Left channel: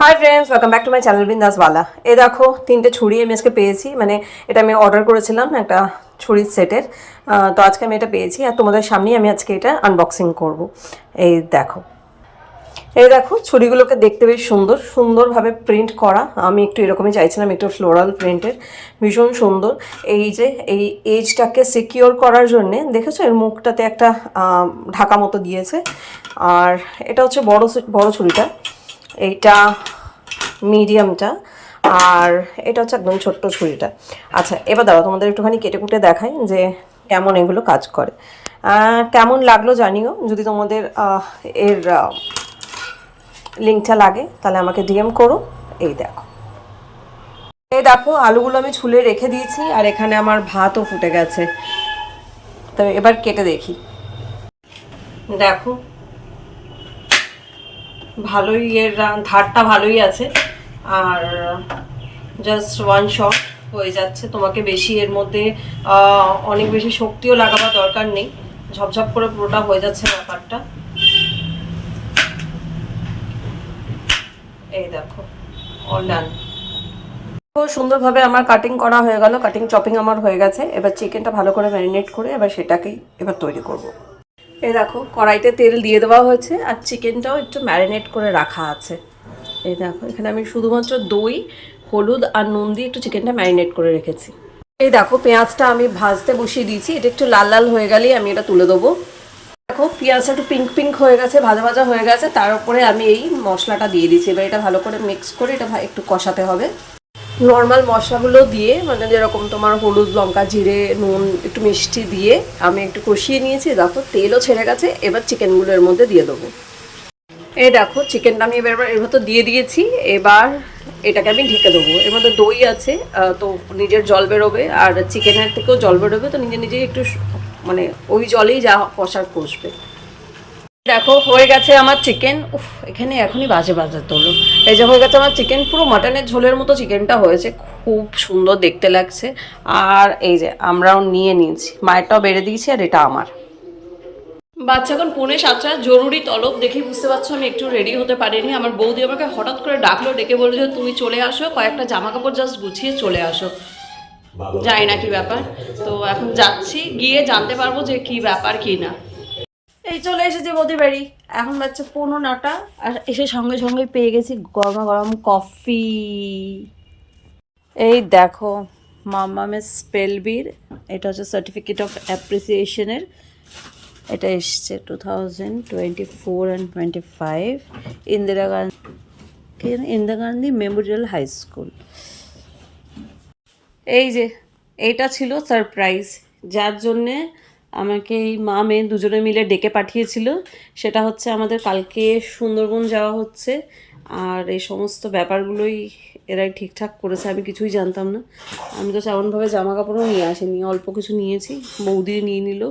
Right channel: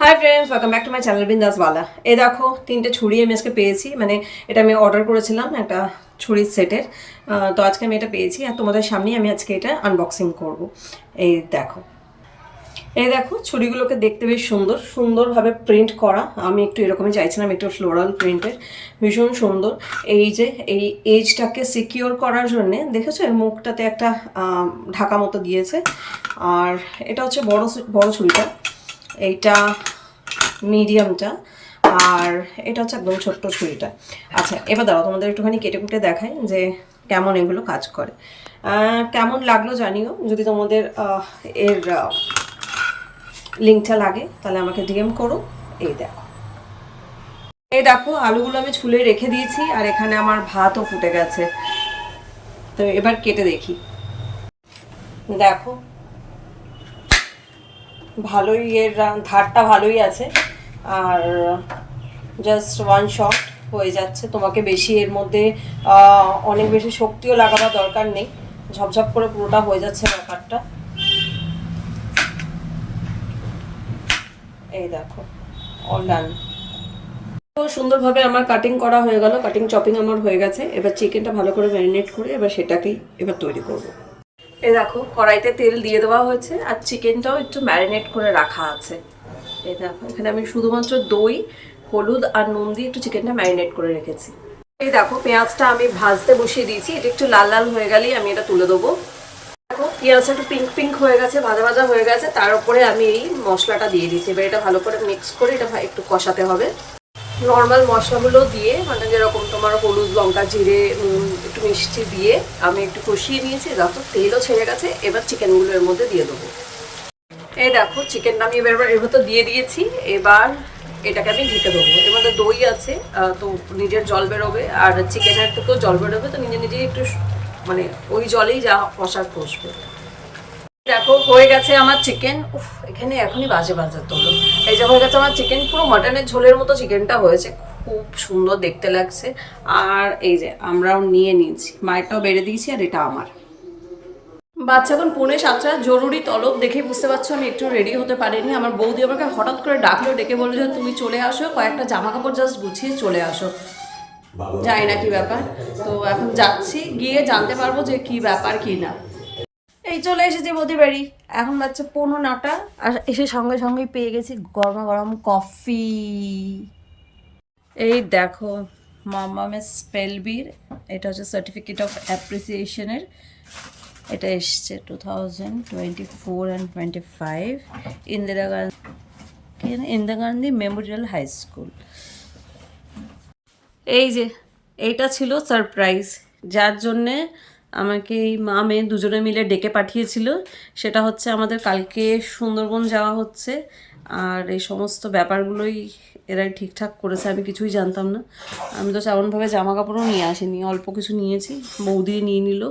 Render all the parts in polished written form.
High friends, welcome back to my channel Bindaaswala. এই দেখো, তিনটে ছুরি আমি আজকে পেয়েছি। মানে এটা আমি অর্ডার করেছিলাম একটা ছুরির সেটের। তো আজকে আমি এটা পেয়েছি আর তোমাদের সামনেই আমি আজকে এটা আনবক্সিং করব। এই দেখো, এই দেখো, ছুরিগুলোকে দেখতে বেশ সুন্দর সুন্দরভাবে প্রিন্ট করা। আমি একটু এরকমই চাইছিলাম, একটু ফ্লোরাল প্রিন্টের, ভীষণ সুন্দর। এই যে এই এজটাকে সিকিওর করার জন্যে দেখেছো এর মুখটাতে একটা ঢাকা মতো দিয়েছে। আর এটা হচ্ছে বড় বড় ছুরিটা, এইটা মিডিয়ামটা, আর এটা হচ্ছে একদম ছোট্ট ছুরিটা। আচ্ছা, এবার দাঁড়াও তোমাদের একটুখানি কেটে কুটে দেখাই যে কেমন এগুলো কাজ করে। কেমন লাগলো জানিও। যদি তোমাদের এর লিঙ্কটা লাগে তাহলে আমাকে ডিএম করো। এই দেখো, এই দেখো, আলুগুলো আমি ছুলে রেখে দিয়েছি আর এখানে আমার ভাতও ফুটে গেছে। তবে এবার কেটে দেখি। দেখো, ভালোই এর ধারটা ভালোই আছে। আর জাস্ট ওয়ান শট হয়ে যাচ্ছে। তোমাকে বেশি এর মধ্যে অনেক বেশি শক্তিও লাগাবার দরকার নেই, ঝপঝপ করে পুরোটা হয়ে যাচ্ছে ব্যাপারটা। এই দেখো, অল ডান। খুব সুন্দরভাবে আমার কাটিং করা হয়ে গেল, কাটিং চপিং আমার হয়ে গেছে। এবার চিকেনটা ভালো করে ম্যারিনেট করে এবার সেটাকেই এবার তৈরি করব। এই দেখো, কড়াইতে তেল দিয়ে দেওয়া হয়েছে আর চিকেনটাও একটু ম্যারিনেট করে রাখা আছে। এই দেখো, এখানে আমি শুধুমাত্র দই, হলুদ আর নুন দিয়ে একটু চিকেনটা ম্যারিনেট করে রেখেছি। এই দেখো, পেঁয়াজটা আমি ভাজতে বসিয়ে দিয়েছি। এটা একটু লাল লাল হয়ে গেলেই আমি এটা তুলে দেবো। দেখো, পেঁয়াজটা একটু পিঙ্ক পিঙ্ক হয়ে গেছে, ভাজা ভাজা হয়ে গেছে। তার উপরে আমি এই মশলাটা দিয়ে দিয়েছি। এবার এটা ভালো করে মিক্স করে এটা একটু কষাতে হবে। নর্মাল মশলাগুলো দিয়ে, মানে যেরকম তোমার হলুদ, লঙ্কা, জিরে, নুন, একটু মিষ্টি দিয়ে আমি একটু কষিয়ে নিয়েছি। দেখো, তেলও ছেড়ে গেছে। এবার চিকেনগুলো এর মধ্যে দিয়ে দেবো। এই দেখো, চিকেনটা আমি এবার এর মধ্যে দিয়ে দিয়েছি। এবার এটাকে আমি ঢেকে দেবো। এর মধ্যে দই আছে, তো নিজের জল বেরোবে আর চিকেনের থেকেও জল বেরোবে, তো নিজে নিজেই একটু মানে ওই জলেই যা কষার কষবে। দেখো, হয়ে গেছে আমার চিকেন। উফ, এখানে এখনই বাজে বাজে তো। এই যে হয়ে গেছে আমার চিকেন, পুরো মাটনের ঝোলের মতো চিকেনটা হয়েছে, খুব সুন্দর দেখতে লাগছে। আর এই যে আমরাও নিয়ে নিয়েছি, মায়েরটাও বেড়ে দিয়েছি আর এটা আমার। বাচ্চা এখন 6:45, জরুরি তলব। দেখেই বুঝতে পারছো আমি একটু রেডি হতে পারিনি। আমার বৌদি আমাকে হঠাৎ করে ডাকলো, ডেকে বললো যে তুমি চলে আসো, কয়েকটা জামা কাপড় জাস্ট গুছিয়ে চলে আসো। জানি না কি ব্যাপার, তো এখন যাচ্ছি, গিয়ে জানতে পারবো যে কি ব্যাপার কি না। এই চলে এসেছি বৌদির বাড়ি। এখন বাচ্চা 9:15, আর এসে সঙ্গে সঙ্গে পেয়ে গেছি গরমা গরম কফি। এই দেখো, মামামের স্পেলবির, এটা হচ্ছে সার্টিফিকেট অফ অ্যাপ্রিসিয়েশনের। এটা এসছে 2024 and 25, Indira Gandhi memorial high school. এই যে এইটা ছিল সারপ্রাইজ, যার জন্যে আমাকে এই মা মেয়ে দুজনে মিলে ডেকে পাঠিয়েছিল। সেটা হচ্ছে আমাদের কালকে সুন্দরবন যাওয়া হচ্ছে, আর এই সমস্ত ব্যাপারগুলোই এরাই ঠিকঠাক করেছে। আমি কিছুই জানতাম না। আমি তো তেমনভাবে জামা কাপড়ও নিয়ে আসিনি, অল্প কিছু নিয়েছি, বৌদি নিয়ে নিল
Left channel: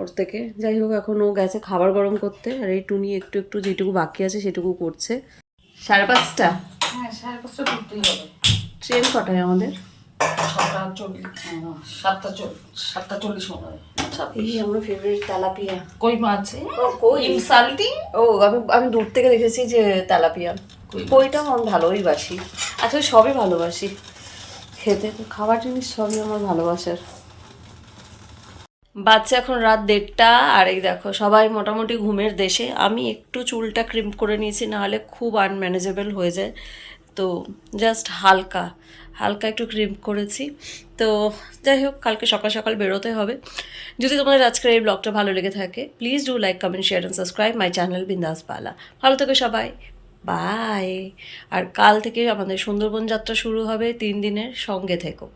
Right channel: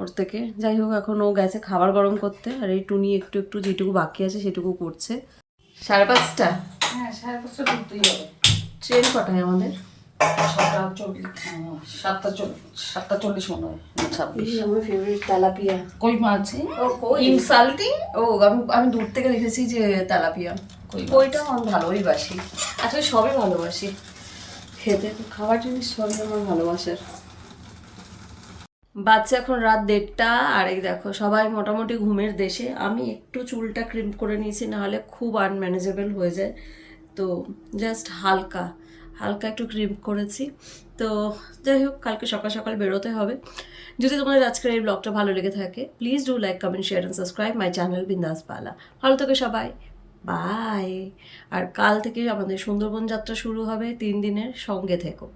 ওর থেকে। যাই হোক, এখন ও গেছে খাবার গরম করতে, আর এই টুনি একটু একটু যেটুকু বাকি আছে সেটুকু করছে। 5:30? হ্যাঁ, 5:30 করতেই হবে। ট্রেন কটায় আমাদের? 6:40, 7:40 মনে হয়। এই আমার ফেভারিট তেলাপিয়া। কই মাছ? কই? ইনসাল্টিং। ও, আমি দূর থেকে দেখেছি যে তেলাপিয়া। কইটাও আমি ভালোই বাসি, আসলে সবই ভালোবাসি খেতে, খাবার জিনিস সবই আমার ভালোবাসার। বাচ্চা এখন রাত 1:30, আর এই দেখো সবাই মোটামুটি ঘুমের দেশে। আমি একটু চুলটা ক্রিম করে নিয়েছি, নাহলে খুব আনম্যানেজেবল হয়ে যায়। তো জাস্ট হালকা হালকা একটু ক্রিম করেছি। তো যাই হোক, কালকে সকাল সকাল বেরোতে হবে। যদি তোমাদের আজকের এই ব্লগটা ভালো লেগে থাকে, please do like, comment, share and subscribe my channel Bindaaswala. ভালো থেকো সবাই, বাই। আর কাল থেকে আমাদের সুন্দরবন যাত্রা শুরু হবে, 3 দিনের, সঙ্গে থেকো।